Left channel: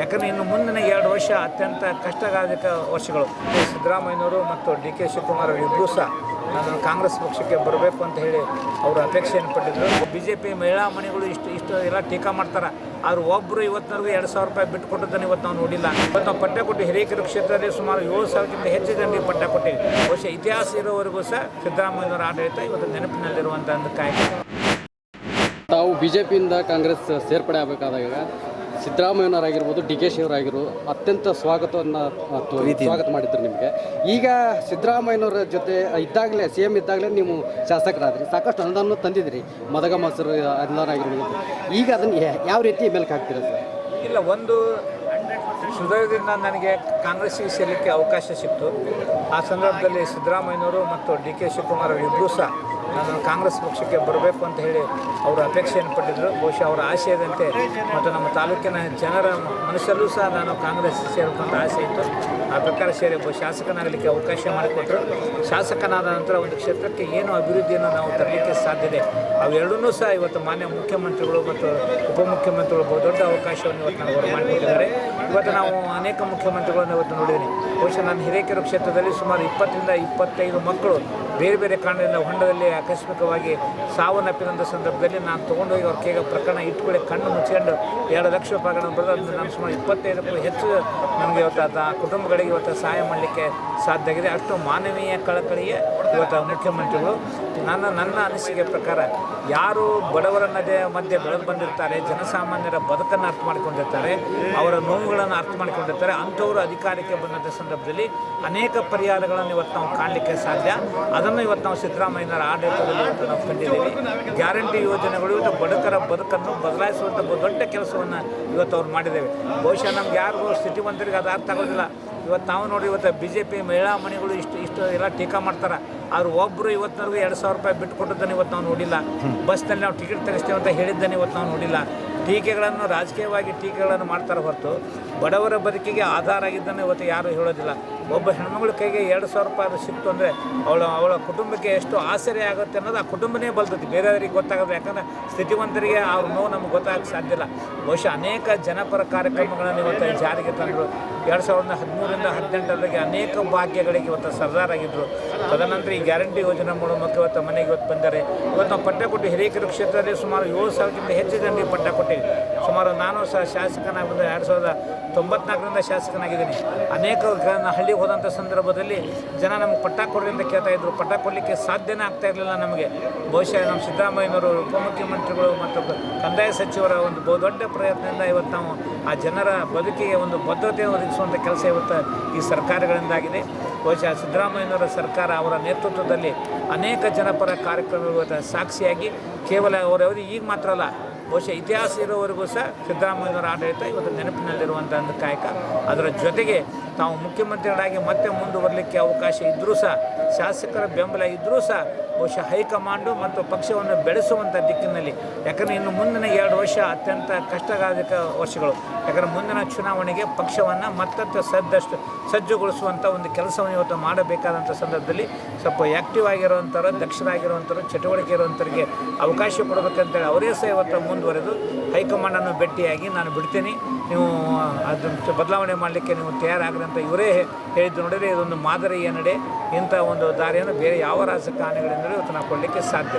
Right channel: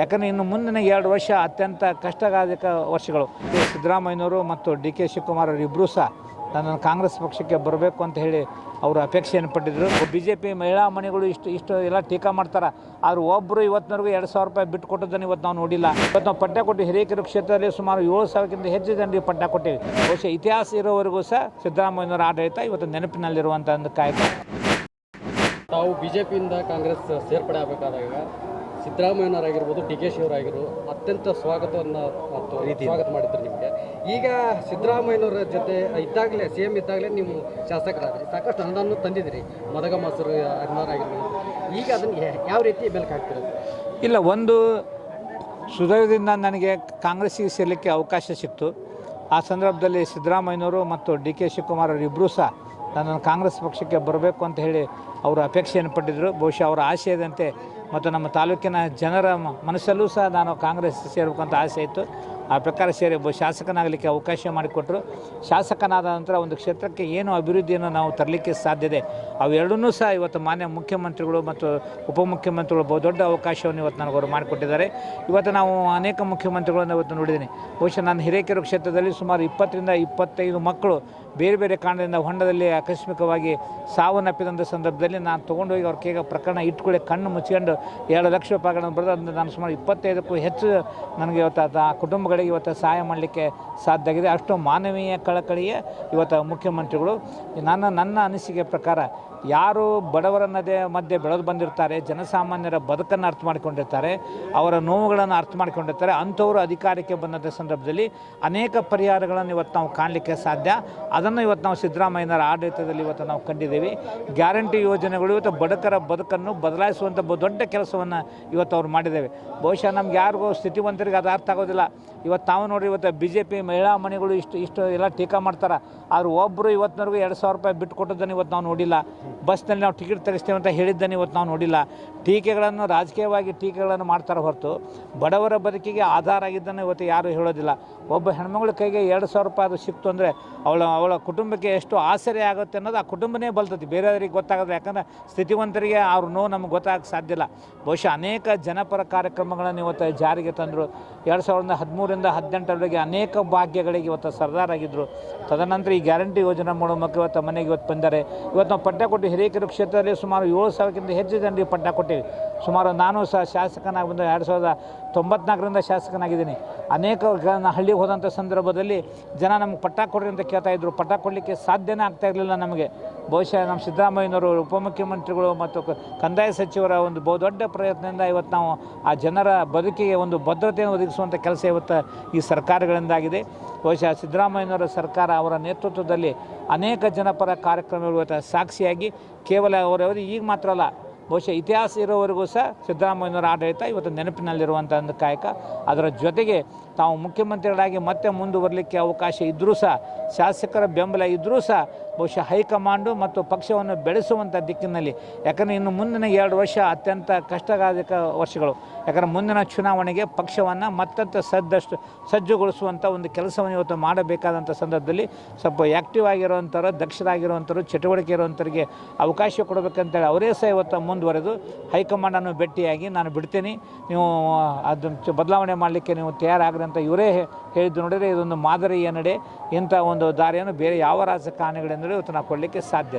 ಯಾಕಂದರೆ ಇನ್ನು ಮುಂದಿನ 2 ವರ್ಷ ಅತ್ಯಂತ ಕಷ್ಟದಾಯಕ ವರ್ಷಗಳು. ಸಿದ್ದರಾಮಯ್ಯನವರು ಮತ್ತು ಡಿ ಕೆ ಶಿವಕುಮಾರ್ ಇಬ್ಬರೂ ಸಹ ನನ್ನನ್ನು ಕಾಂಗ್ರೆಸ್ ಪಕ್ಷಕ್ಕೆ ಬರಬೇಕು ಅಂತ ಹೇಳಿ ಅವರು ಅಪೇಕ್ಷೆಯನ್ನು ಪಟ್ಟಿದ್ದರು. BJP ಮಹಿಳಾ ಮಣಿಗಳು ಇಷ್ಟು ಎಲ್ಲ ಟೀಕಾ ಮಾಡ್ತಾರೆ. ಆದರೂ ಒಬ್ಬರು ಇವತ್ತಿನವರೆಗೂ 2,000 ರೂಪಾಯಿ ಬಿಟ್ಟು ಕೊಟ್ಟದ್ದನ್ನು ಇವತ್ತು ನಾವು ನೋಡಿಲ್ಲ. ಇವತ್ತು ನಾವು ಪಟ್ಟ ಕೊಟ್ಟು ಹಿರೇಕೆರೆ ಕ್ಷೇತ್ರದಲ್ಲಿ ಸುಮಾರು 7,000ಕ್ಕಿಂತ ಹೆಚ್ಚು ಜನರಿಗೆ ಪಟ್ಟ ಕೊಟ್ಟಿವಿ. ಬಹುಶಃ ಇತಿಹಾಸ ಇರೋವರೆಗೂ ಸಹ ಸಿದ್ದರಾಮಯ್ಯನವರ ಆಡಳಿತ ಇವತ್ತು ನೆನಪಿನಲ್ಲಿರುವಂಥ ಒಂದು ಕಾಯ್ದೆ. ತಾವು BJPಯಿಂದ ಕಾಂಗ್ರೆಸ್ ಸೇರ್ಪಡೆ ಆಗಬೇಕಾದಾಗ ಸಿದ್ದರಾಮಯ್ಯನವರಾಗಿರ್ಬೋದು, ಡಿ ಕೆ ಶಿವರಾಗಿರು ಅತ್ಯಂತ ಸ್ವಾಗತ ಮಾಡಿದ್ರು ನಿಮಗೆ. ಈಗ ಸಿದ್ದರಾಮಯ್ಯನವರ ಜೊತೆ ಇದ್ದಾಗಲೇ CM ಇದ್ದಾಗಲೇ ನೀವು ಶಾಸಕರಾದ್ರಿ, ಸಾಕಷ್ಟು ಅನುದಾನ ತಂದಿದ್ರಿ, ಮದಗ ಮಾಸರು ಅನುದಾನ. ಈಗ ಅದನ್ನು ಯಾವ ರೀತಿ ಬೆಳಕು ಹಾಕ್ತೀರಾ ಸರ್? ಇಲ್ಲ, ಒಂದು ಸುದೀರ್ಘದಿಂದ ನನಗೆ ಕಾಂಗ್ರೆಸ್ಸಿಗೆ ಸೇರಲಿಕ್ಕೆ ಅವಕಾಶ ಸಿಕ್ತು. ಆ ಸಂದರ್ಭದಲ್ಲಿ ಸಿದ್ದರಾಮಯ್ಯನವರು ಮತ್ತು ಡಿ ಕೆ ಶಿವಕುಮಾರ್ ಇಬ್ಬರೂ ಸಹ ನನ್ನನ್ನು ಕಾಂಗ್ರೆಸ್ ಪಕ್ಷಕ್ಕೆ ಬರಬೇಕು ಅಂತ ಹೇಳಿ ಅವರು ಅಪೇಕ್ಷೆಯನ್ನು ಪಟ್ಟಿದ್ದರು. ಬಹುಶಃ ಅವರ ಆಶಯದಂತೆ ಮತ್ತು ನಮ್ಮ ತಾಲೂಕಿನ ಜನರ ಮನಸ್ಸಲ್ಲೂ ಸಹ ನಾನು ಕಾಂಗ್ರೆಸ್ ಸೇರಬೇಕಂತ ಆಸೆ ಇತ್ತು. ಆ ಪ್ರಕಾರ ಸೇರಿ ಶಾಸಕನಾಗಲಿಕ್ಕೆ ಅವಕಾಶ ಮಾಡಿಕೊಟ್ಟರು. ಶಾಸಕನಾದ ನಂತರ ಒಂದು ಕ್ಷೇತ್ರಕ್ಕೆ ಏನು ಅಭಿವೃದ್ಧಿಯನ್ನು ನಾವು ತರಲಿಕ್ಕೆ ಸಾಧ್ಯತೆ ಅವೆರಡನ್ನೂ ಸಹ ಇವತ್ತು ಮಾನ್ಯ ಮುಖ್ಯಮಂತ್ರಿಗಳು ಮತ್ತು ಉಪಮುಖ್ಯಮಂತ್ರಿಗಳು ಬಹುದೊಡ್ಡ ಅವಕಾಶವನ್ನು ಇವತ್ತು ನನಗೆ ಅವರು ಮಾಡಿಕೊಟ್ಟಿದ್ದಾರೆ. ಇವತ್ತು ನಾವು ಅನೇಕ ಮುಖ್ಯಮಂತ್ರಿಗಳನ್ನು ಇವತ್ತು ನೋಡಿದ್ದೀನಿ. ಬಹುಶಃ ನಾನು ಹಿರೇಕೆರೆ ಕ್ಷೇತ್ರದಲ್ಲಿ ಸುಮಾರು 20ರಿಂದ 25 ಮಕ್ಕಳು ಬೇರೆ ಬೇರೆ ಕಾರಣದಿಂದ ಹೊಂಡದಲ್ಲಿ ಆಕಸ್ಮಿಕವಾಗಿ ಸಾವನ್ನಪ್ಪಿದಂಥ ಸಂದರ್ಭದಲ್ಲಿ ನಾನು ತೊಗೊಂಡೋಗಿ ಅವ್ರ ಕೈಗೆ ಪ್ರಕರಣ ಇಟ್ಕೊಳ್ಳಿ ಕಣ್ಣು ಮುಚ್ಕೊಂಡು 2 ಲಕ್ಷ ರೂಪಾಯಿಗಳನ್ನು ಬರೆದು ಅದನ್ನು ನಾನು ಸುಮಾರು 25ಕ್ಕೂ ಹೆಚ್ಚು ನನಗೆ ಇವತ್ತು ಕುಟುಂಬಗಳಿಗೆ ಇವತ್ತು ಸಹಾಯ ಮಾಡಲಿಕ್ಕೆ ಸಾಧ್ಯ ಆಗಿದೆ. ಅಷ್ಟು ಮಾನವೀಯ ಕಳಕಳಿಗೆ ಇವತ್ತು ಮುಖ್ಯಮಂತ್ರಿಗಳು. ನನ್ನ ಅನಿಸಿಕೆ ಪ್ರಕಾರ ಯಾರು ಬಡವರ ಮಧ್ಯೆ ಬೆಳೆದು ಬಂದಿರ್ತಾರೆ, ಜನಸಾಮಾನ್ಯರ ಬದುಕನ್ನು ಅರ್ಥ ಮಾಡಿಕೊಂಡಿರ್ತಾರೆ, ಅವರ ನೋವುಗಳನ್ನು ಅರ್ಥ ಮಾಡಿಕೊಂಡಿರ್ತಾರೆ, ಅಂಥವರು ಅಧಿಕಾರಕ್ಕೆ ಬಂದಂಥ ಸಂದರ್ಭದಲ್ಲಿ ಅನೇಕ ಪರಿಹಾರಗಳನ್ನು ಇವತ್ತು ನಾವು ಕಾಣಲಿಕ್ಕೆ ಸಾಧ್ಯ. ಅದನ್ನು ಇವತ್ತು ನಾವು ಸಿದ್ದರಾಮಯ್ಯನವರ ಆಡಳಿತದಲ್ಲಿ ಇವತ್ತು ನಾವು ಕಂಡಿದ್ದೀವಿ. ಗ್ಯಾರಂಟಿ ಯೋಜನೆಗಳು ಇವತ್ತು ಬಡಕರ ಬದುಕನ್ನು ಬದಲಾಯಿಸುವಂಥ ದೊಡ್ಡ ಕೆಲಸವನ್ನು ಇವತ್ತು ಅವ್ರು ಮಾಡಿದ್ದೇವೆ. ಬಹುಶಃ ನಮ್ಗೆ ಯಾರಿಗೂ ಸ್ಥಿತಿವಂತರಿಗೆ ಅದು ಅರ್ಥ ಆಗೋದಿಲ್ಲ. ಇವತ್ತು ನಾವು ನೋಡಿ, ಇವತ್ತು BJP ಮಹಿಳಾ ಮಣಿಗಳು ಇಷ್ಟು ಎಲ್ಲ ಟೀಕಾ ಮಾಡ್ತಾರೆ. ಆದರೂ ಒಬ್ಬರು ಇವತ್ತಿನವರೆಗೂ 2,000 ರೂಪಾಯಿ ಬಿಟ್ಟು ಕೊಟ್ಟದ್ದನ್ನು ಇವತ್ತು ನಾವು ನೋಡಿಲ್ಲ. ಬಸ್ನಲ್ಲಿ ನಾವು ಟಿಕೆಟ್ ತರಿಸ್ತೇವೆ ಅಂತ ಹೇಳಿದ್ದನ್ನು ಇವತ್ತು ನಾವು ನೋಡಿಲ್ಲ. ಟೀಕೆಗಳನ್ನು ರಾಜಕೀಯವಾಗಿ ಟೀಕೆಗಳನ್ನು ಮಾಡ್ತಾರೆ ಹೊರತು ಬಡವರ ಬದುಕಿಗೆ ಆಧಾರ ಆಗಿದ್ದನ್ನು ಇವತ್ತು ಯಾರೂ ಹೇಳೋದಿಲ್ಲ. ಒಬ್ಬ ಹೆಣ್ಮಗಳ ಕೈಗೆ 2,000 ರೂಪಾಯಿ ಅದು ಸಿಕ್ತು ಅಂದರೆ ಅವಳ ಕುಟುಂಬಕ್ಕೆ ಎಷ್ಟು ಆಸರೆ ಆಗುತ್ತೆ ಅನ್ನೋದು ಆ ಕುಟುಂಬನೇ ಬಲ್ತೈತಿ, ಬೇರೆಯವರಿಗೆ ಗೊತ್ತಾಗೋದು. ಯಾಕಂದರೆ ಸ್ಥಿತಿವಂತರಿಗೆ ಅವ್ರ ನೋವು ನಮ್ಗೆ ಗೊತ್ತಾಗಕ್ಕೆ ಸಾಧ್ಯ ಇಲ್ಲ. ಬಹುಶಃ ಅನೇಕ ಜನಪರ ಕಾರ್ಯಕ್ರಮಗಳನ್ನು ಇವತ್ತು ಜಾರಿಗೆ ತಂದರು. 2013ರಿಂದ 2018ರವರೆಗೆ ಅನೇಕ ಭಾಗ್ಯಗಳಿಗೆ ಇವತ್ತು ಸರ್ದಾರಾಗಿದ್ದರು. ತದನಂತರ ಈ ಗ್ಯಾರಂಟಿ ಯೋಜನೆ ಮೂಲಕ ಇವತ್ತು ಮನೆಗೆ ಇವತ್ತು ಬಂದರೆ ಇವತ್ತು ನಾವು ಪಟ್ಟ ಕೊಟ್ಟು ಹಿರೇಕೆರೆ ಕ್ಷೇತ್ರದಲ್ಲಿ ಸುಮಾರು 7,000ಕ್ಕಿಂತ ಹೆಚ್ಚು ಜನರಿಗೆ ಪಟ್ಟ ಕೊಟ್ಟಿವಿ. ಸುಮಾರು ನಾನು ಸಹ ಶಾಸಕನಾಗಿ ಬಂದ 1994ರಿಂದ ಶಾಸಕನಾಗಿದ್ದೀನಿ. ಅನೇಕ ಹಳ್ಳಿಗೆ ಹೋದಂಥ ಸಂದರ್ಭದಲ್ಲಿ ಜನ ನಮಗೆ ಪಟ್ಟ ಕೊಡ್ರಿ ಅಂತ ಕೇಳ್ತಾಯಿದ್ರು. ಪಟ್ಟ ಕೊಡಲಿಕ್ಕೆ ಸಾಧ್ಯನೇ ಆಗ್ತಾ ಇರಲಿಲ್ಲ ನಮಗೆ. ಬಹುಶಃ ನಮ್ಮ ಸಿದ್ದರಾಮಯ್ಯನವರು, ಉಪಮುಖ್ಯಮಂತ್ರಿಗಳು ಮತ್ತು ಕಂದಾಯ ಸಚಿವರ ಒಂದು ಬಹುದೊಡ್ಡ ಪ್ರಯತ್ನದಿಂದ ಇವತ್ತು ನಾವು ಆ ಜನರ ಬದುಕಿಗೆ ಒಂದು ಭದ್ರತೆಯನ್ನು ಒದಗಿಸುವಂಥ ಕೆಲಸ ಇವತ್ತು ಈ ಸರ್ಕಾರಗಳಿಂದಾಗಿದೆ. ಬಹುಶಃ ಸಿದ್ದರಾಮಯ್ಯನವರ ಸರ್ಕಾರ ಅವರ ನೇತೃತ್ವದಲ್ಲಿ ಅನೇಕ ಜನಪರ ಕಾರ್ಯಕ್ರಮಗಳು ಇವತ್ತು ಸಾಕ್ಷಿಯಾಗಿ ಕೇವಲ ಅವರವರು ಈಗ ಮಾತ್ರ ಅಲ್ಲ, ಬಹುಶಃ ಇತಿಹಾಸ ಇರೋವರೆಗೂ ಸಹ ಸಿದ್ದರಾಮಯ್ಯನವರ ಆಡಳಿತ ಇವತ್ತು ನೆನಪಿನಲ್ಲಿರುವಂಥ ಒಂದು ಕಾಯಕ. ಅದರ ಜೊತೆಗೆ ತಾವು ಮುಖ್ಯಮಂತ್ರಿಗಳಾಗಿ ಮತ್ತೆ ಮುಂದುವರಲಿಕ್ಕೆ ಅವಕಾಶ ಇದ್ದರೂ ಸಹ, ಶಾಸಕರ ಬೆಂಬಲ ಇದ್ದರೂ ಸಹ ಬಹುಶಃ ಹೈಕಮಾಂಡು ಮತ್ತು ಪಕ್ಷವನ್ನು ಬೆಳೆಸುವಂಥ ದಿಕ್ಕಿನಲ್ಲಿ, ಯಾಕಂದರೆ ಇನ್ನು ಮುಂದಿನ 2 ವರ್ಷ ಅತ್ಯಂತ ಕಷ್ಟದಾಯಕ ವರ್ಷಗಳು. ಯಾಕಂದರೆ ಮುಂದಿನ ಚುನಾವಣೆಗೆ ಪಕ್ಷವನ್ನು ಮತ್ತಷ್ಟು ಸಜ್ಜುಗೊಳಿಸುವಂಥ ಒಂದು ಕೆಲಸವನ್ನು ಇವತ್ತು ಮಾಡಬೇಕಾದಂಥ ಸಂದರ್ಭದಲ್ಲಿ ಸ್ವಲ್ಪ ಆ್ಯಕ್ಟಿವ್ ಆಗಿರುವಂಥವ್ರು, ದಕ್ಷರಾಗಿರುವಂಥವ್ರು, ಚಟುವಟಿಕೆ ಇರುವಂಥವ್ರಿಗೆ ಅವಕಾಶ ಕೊಡಬೇಕಂತೇಳಿ ಅವರೇ ಸಹ ಇವತ್ತು ಮುಂದುವರೆದು ಹೈಕಮಾಂಡನ್ನು ಭೇಟಿಯಾಗಿ ನಾನು ಬಿಡ್ತೀನಿ, ನೀವು ಅದನ್ನು ಬದಲಾವಣೆ ಮಾಡಲಿಕ್ಕೆ ನೀವು ತಯಾರಾಗ್ರಿ ಅಂತ ಇವರೇ ಹೇಳಿದ್ದು. ನೋಡಿದರೆ ಇದೊಂದು ಮಾದರಿಯ ನಡೆ. ಇಂಥ ಒಂದು ದಾರಿಯನ್ನು ಬೇರೆ ಯಾವ ರಾಜಕಾರಣಿಗಳಿಂದಲೂ ಇವತ್ತು ನಾವು ಕೊಡಲಿಕ್ಕೆ ಸಾಧ್ಯ.